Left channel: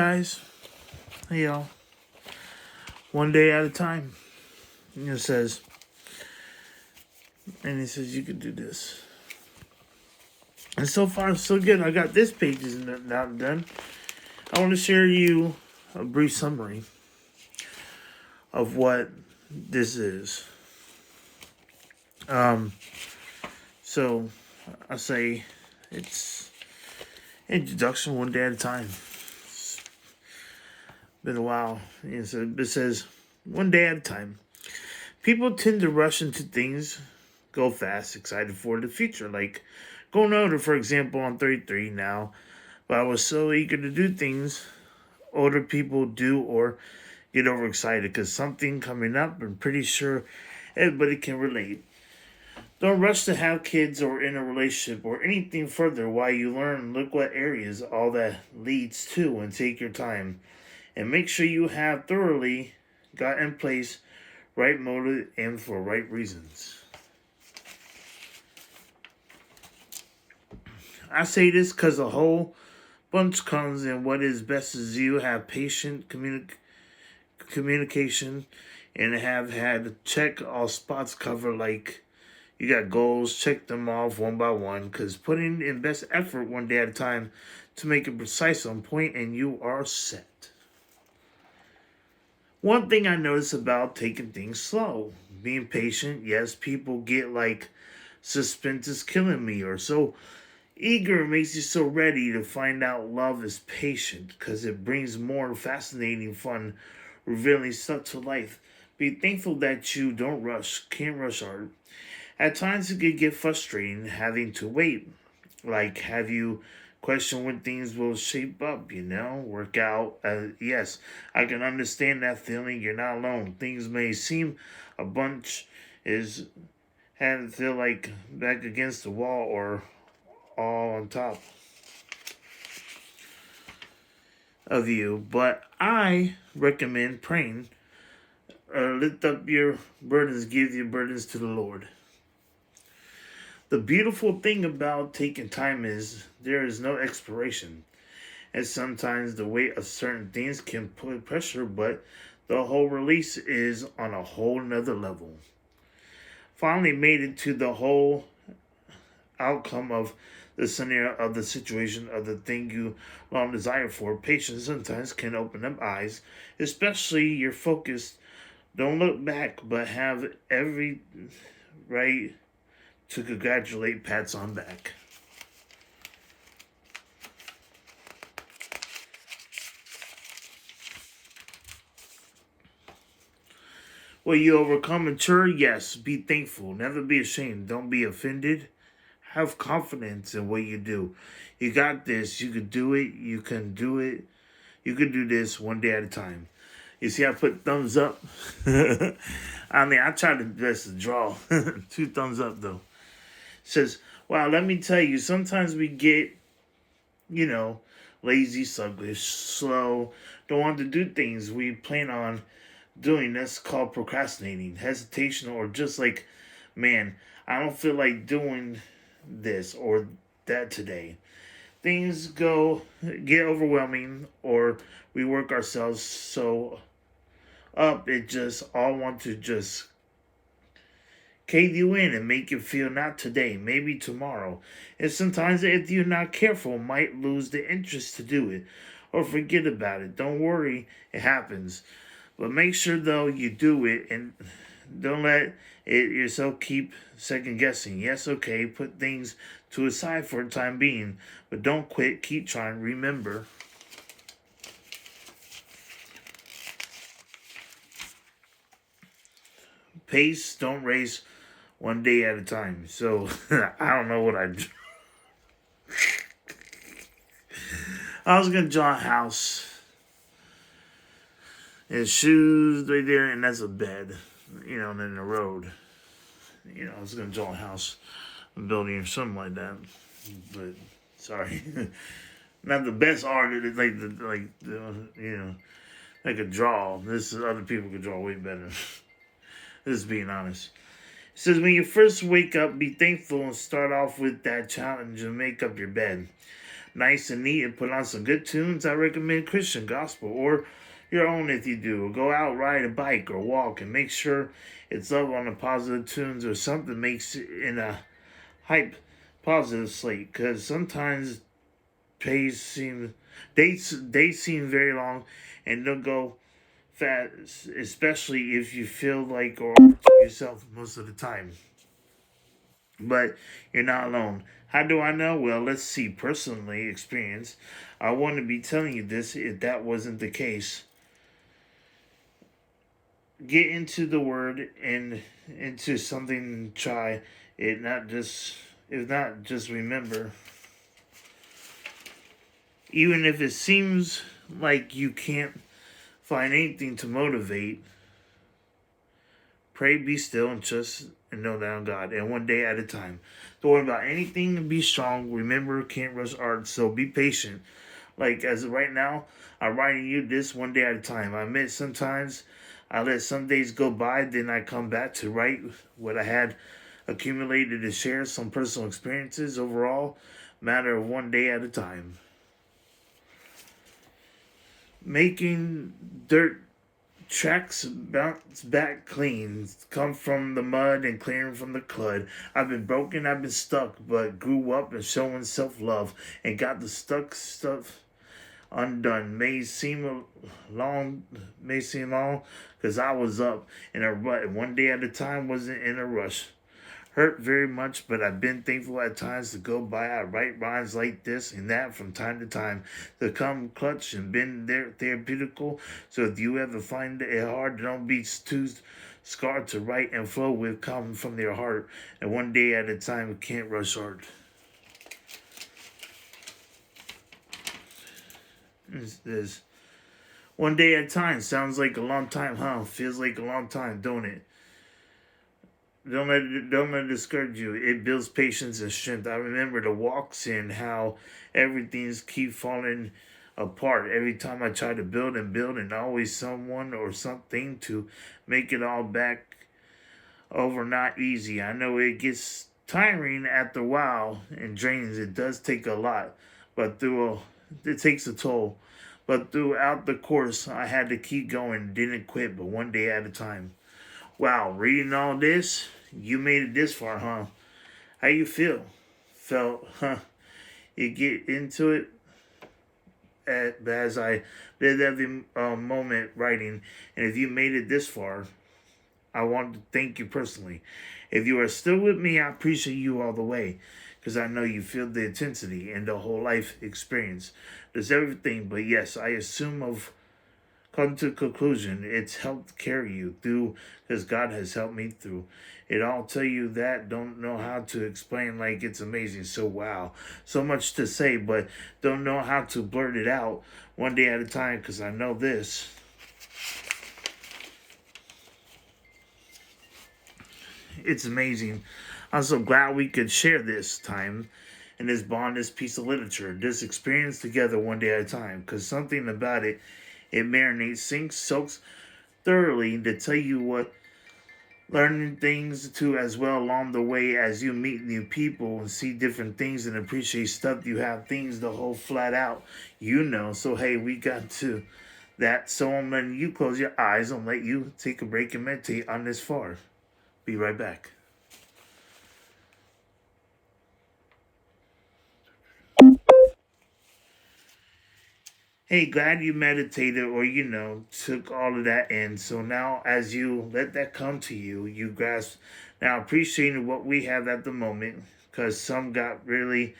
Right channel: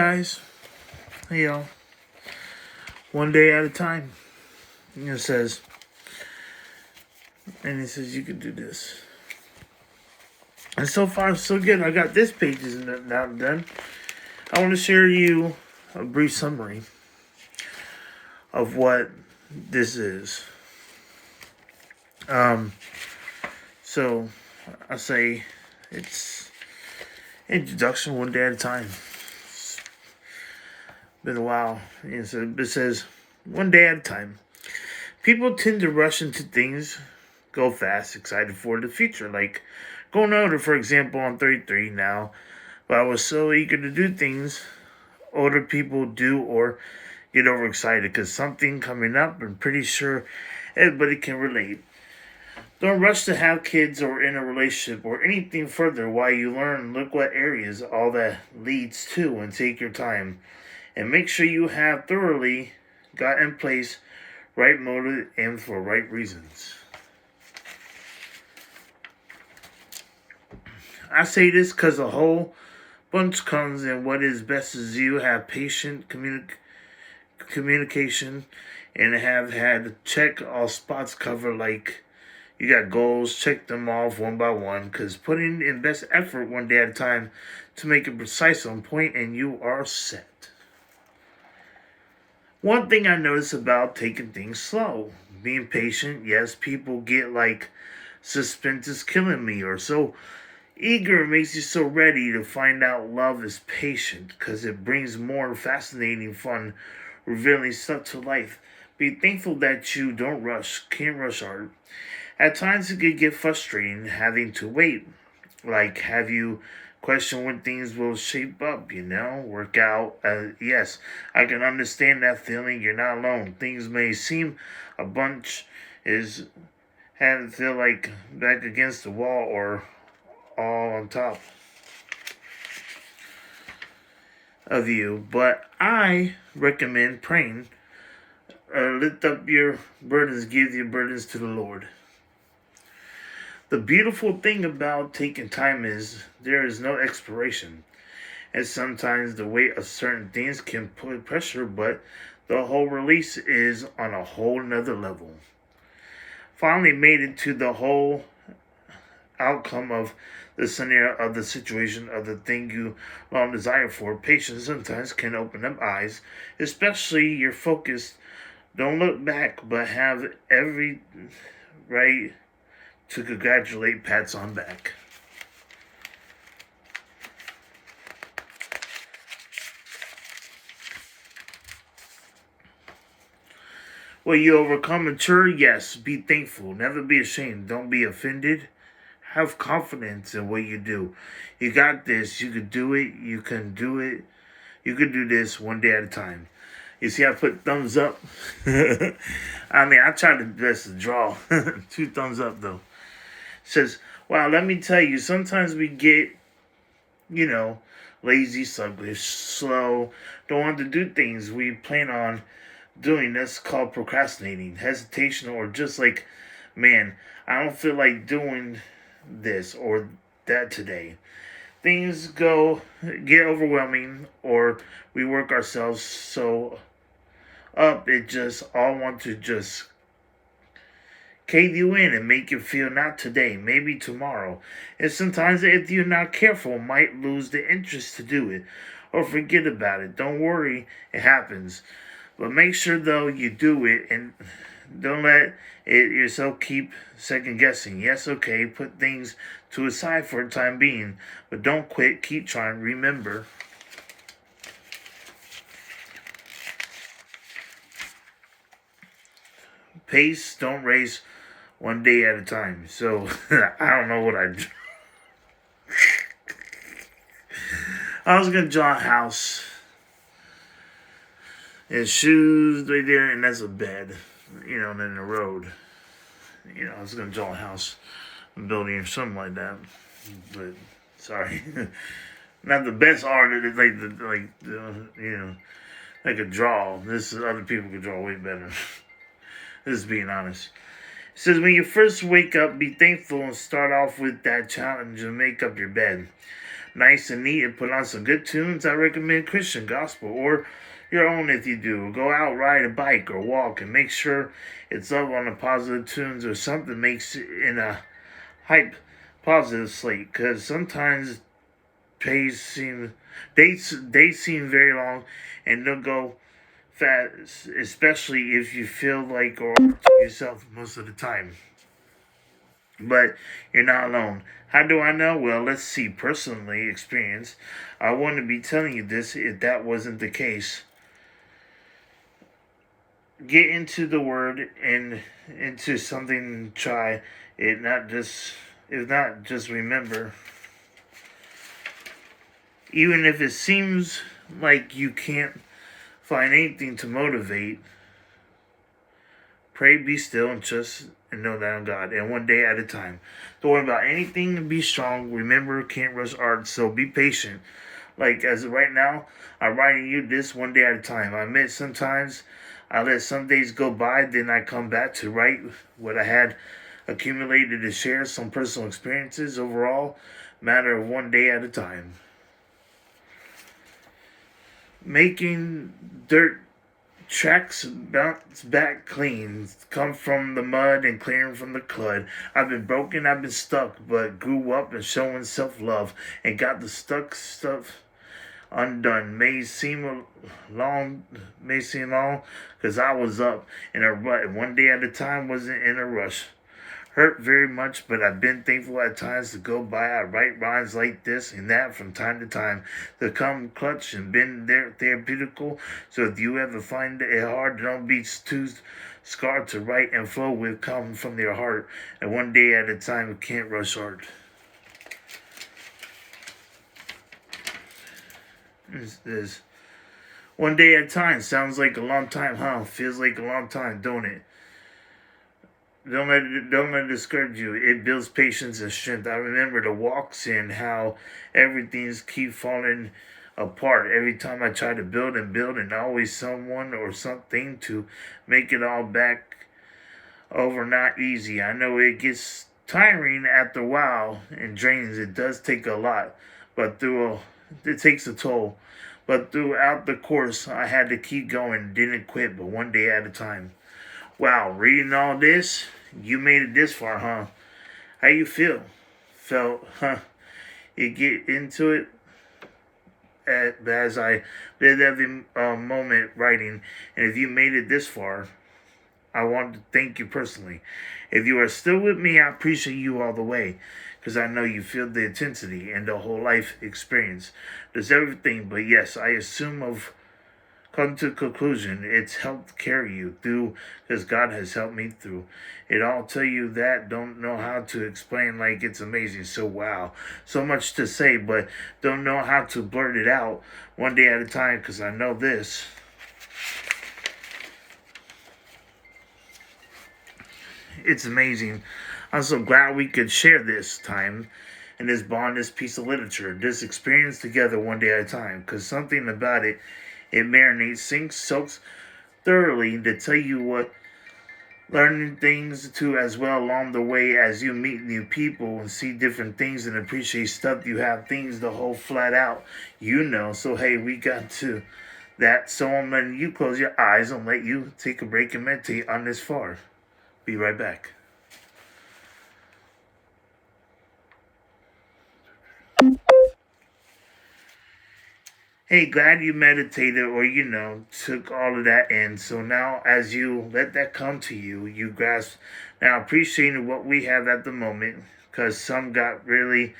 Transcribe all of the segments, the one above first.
Guys, hey y'all, one day at a time. It says, and it says you can do this. And so far, so good. I got this page is now done. I want to share you a brief summary of what this is. So I say it's introduction one day at a time. It's been a while. And so it says one day at a time. People tend to rush into things, go fast, excited for the future. Like going older, for example, I'm 33 now, but I was so eager to do things older people do or get overexcited because something coming up. I'm pretty sure everybody can relate. Don't rush to have kids or in a relationship or anything further while you learn. Look what areas all that leads to and take your time. And make sure you have thoroughly got in place right motive and for right reasons. I say this because a whole bunch comes in what is best is you have patient communication and have had to check all spots covered like you got goals, check them off one by one because putting in best effort one day at a time to make it precise on point and you are set. One thing I notice about taking things slow, being patient, yes, people get like suspense is killing me or so eager makes you so ready to find out love is patient because it brings more fascinating, fun, revealing stuff to life. Be thankful that you don't rush, can't rush art. At times it could get frustrating having to wait. Like, have you question when things will shape up, work out. Yes, I can understand that feeling. You're not alone. Things may seem a bunch is having to feel like back against the wall or all on top of you. But I recommend praying. Lift up your burdens, give your burdens to the Lord. The beautiful thing about taking time is there is no expiration. And sometimes the weight of certain things can put pressure, but the whole release is on a whole nother level. Finally made it to the whole outcome of the scenario of the situation of the thing you long desire for. Patience sometimes can open up eyes, especially your focus. Don't look back, but have every right to congratulate pats on back. Will you overcome mature? Yes. Be thankful. Never be ashamed. Don't be offended. Have confidence in what you do. You got this. You could do it. You can do it. You could do this one day at a time. You see, I put thumbs up. I mean, I tried to best to draw. 2 thumbs up, though. Says, wow, let me tell you, sometimes we get, lazy, sluggish, slow, don't want to do things we plan on doing. That's called procrastinating, hesitation, or just like, man, I don't feel like doing this or that today. Things get overwhelming, or we work ourselves so up, it just all want to just cave you in and make you feel not today, maybe tomorrow. And sometimes if you're not careful, might lose the interest to do it or forget about it. Don't worry, it happens. But make sure though you do it and don't let it yourself keep second guessing. Yes, okay, put things to a side for the time being, but don't quit, keep trying. Remember, pace, don't race, one day at a time. So I don't know what I do. I was gonna draw a house. And shoes right there, and that's a bed. And then the road. I was gonna draw a house, a building, or something like that. But sorry, not the best art. I could draw. This is other people could draw way better. This is being honest. It says, when you first wake up, be thankful and start off with that challenge and make up your bed. nice and neat and put on some good tunes, I recommend Christian gospel or your own if you do. Go out, ride a bike or walk, and make sure it's up on the positive tunes or something makes it in a hype positive slate. Because sometimes days seem very long and they'll go fast, especially if you feel like or to yourself most of the time. But you're not alone. How do I know? Well, let's see. Personally experience. I wouldn't be telling you this if that wasn't the case. Get into the word and into something. Try it. Not just. If not, just remember. Even if it seems like you can't find anything to motivate, pray, be still, and know that I'm God, and one day at a time. Don't worry about anything and be strong. Remember, can't rush art, so be patient. Like, as of right now, I'm writing you this one day at a time. I admit sometimes I let some days go by, then I come back to write what I had accumulated to share some personal experiences. Overall, matter of one day at a time. Making dirt tracks bounce back clean, come from the mud and clearing from the clud. I've been broken, I've been stuck, but grew up and showing self-love and got the stuck stuff undone. May seem long, because I was up in a rut, one day at a time, wasn't in a rush. Hurt very much, but I've been thankful at times to go by. I write rhymes like this and that from time to time to come clutch and been there therapeutical. So if you ever find it hard, don't be too scarred to write and flow with, come from your heart. And one day at a time, can't rush art. This one day at a time sounds like a long time, huh? Feels like a long time, don't it? Don't let it discourage you. It builds patience and strength. I remember the walks and how everything's keep falling apart. Every time I try to build and always someone or something to make it all back over. Not easy. I know it gets tiring after a while and drains. It does take a lot, but it takes a toll. But throughout the course, I had to keep going. Didn't quit, but one day at a time. Wow, reading all this, you made it this far, huh? How you feel? Felt, huh? You get into it as I live every moment writing. And if you made it this far, I want to thank you personally. If you are still with me, I appreciate you all the way. Because I know you feel the intensity and the whole life experience. There's everything, but yes, I assume of come to conclusion, it's helped carry you through because God has helped me through it. I'll tell you that, don't know how to explain, like it's amazing. So wow, so much to say, but don't know how to blurt it out one day at a time, because I know this. It's amazing. I'm so glad we could share this time and this bond, this piece of literature, this experience together one day at a time, because something about it, it marinates, sinks, soaks thoroughly to tell you what, learning things too as well along the way as you meet new people and see different things and appreciate stuff. You have things to hold flat out, So hey, we got to that. So I'm letting you close your eyes and let you take a break and meditate on this far. Be right back. Hey, glad you meditated or, took all of that in. So now as you let that come to you, you grasp now appreciating what we have at the moment, because some got really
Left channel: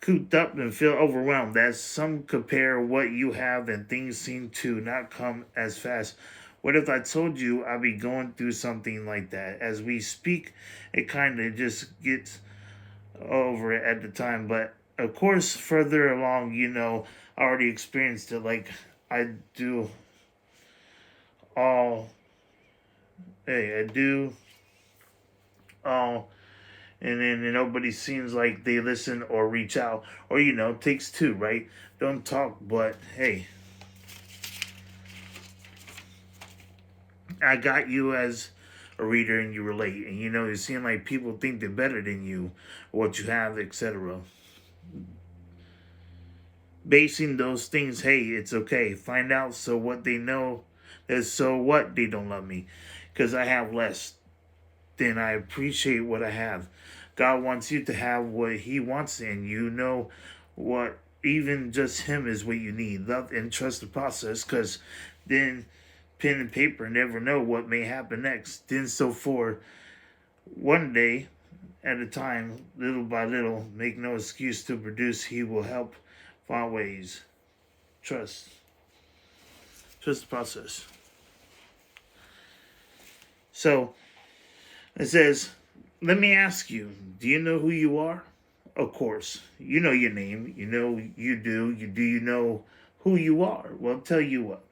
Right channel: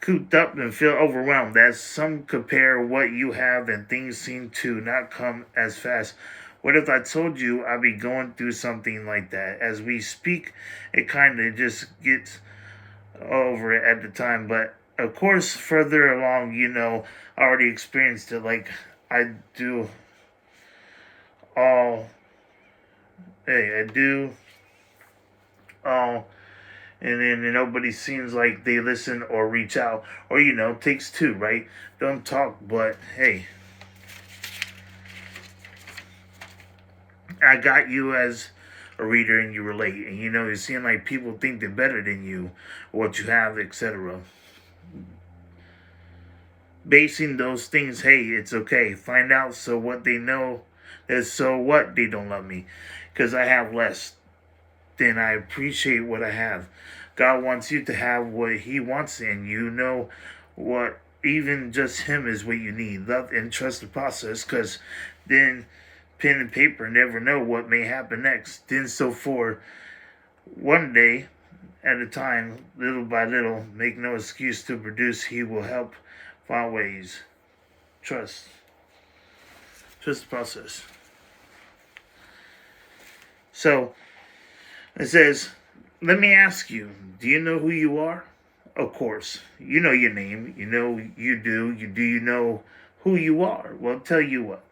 cooped up and feel overwhelmed. As some compare what you have and things seem to not come as fast. What if I told you I'd be going through something like that? As we speak, it kind of just gets over it at the time. But of course, further along, I already experienced it. Like I do all, I do all, and then nobody seems like they listen or reach out, or takes two, right? Don't talk, but hey, I got you as a reader and you relate, and you seem like people think they're better than you, or what you have, etc. basing those things, hey, it's okay. Find out so what they know is so what they don't love me. Because I have less, then I appreciate what I have. God wants you to have what He wants, and you know what even just Him is what you need. Love and trust the process, because then pen and paper never know what may happen next. Then so for one day at a time, little by little, make no excuse to produce. He will help find ways. Trust. Trust the process. So it says, let me ask you, do you know who you are? Of course. You know your name. You know you do. You know who you are? Well, tell you what.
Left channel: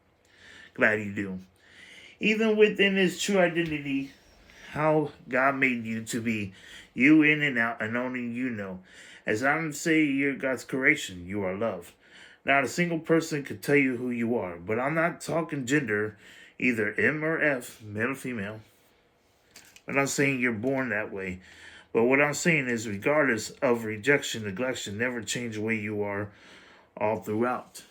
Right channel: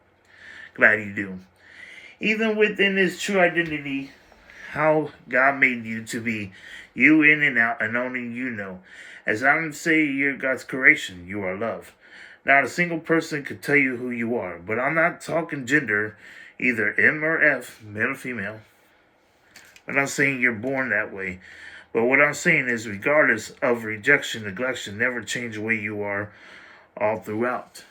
Glad you do. Even within His true identity, how God made you to be, you in and out, and only you know. As I'm saying, you're God's creation. You are loved. Not a single person could tell you who you are. But I'm not talking gender, either M or F, male or female. I'm not saying you're born that way. But what I'm saying is, regardless of rejection, neglect, never change the way you are all throughout.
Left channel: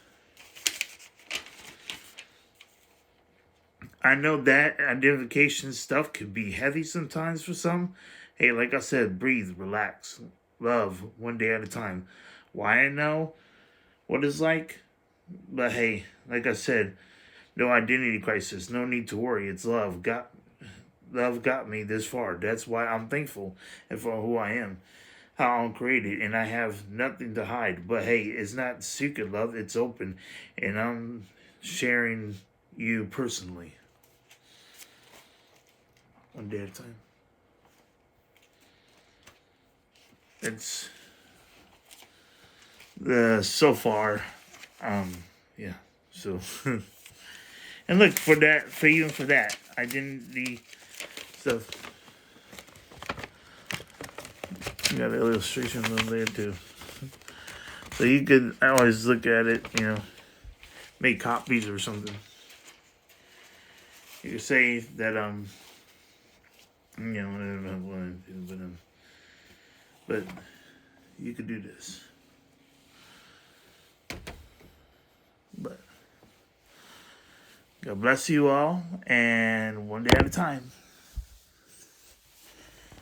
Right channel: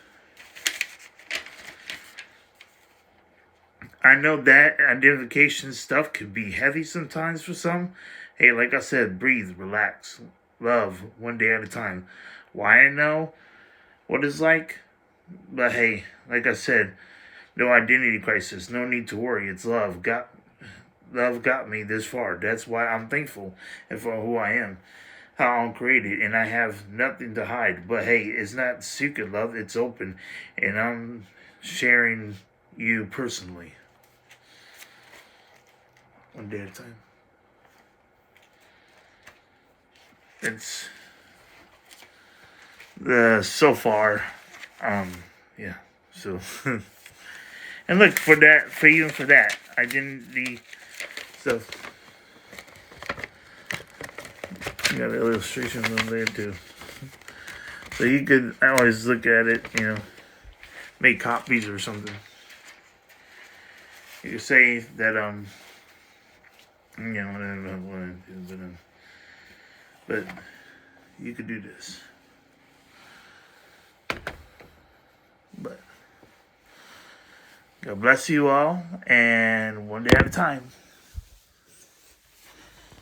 I know that identification stuff could be heavy sometimes for some. Hey, like I said, breathe, relax, love one day at a time. Why I know what it's like? But hey, like I said, no identity crisis, no need to worry. It's love. Love got me this far. That's why I'm thankful and for who I am, how I'm created, and I have nothing to hide. But hey, it's not secret love, it's open, and I'm sharing you personally. One day at a time. It's so far, yeah. So, and look for that, for even for that, identity stuff. You got illustrations on there too. So you could always look at it, make copies or something. You could say that but you could do this. But God bless you all, and one day at a time.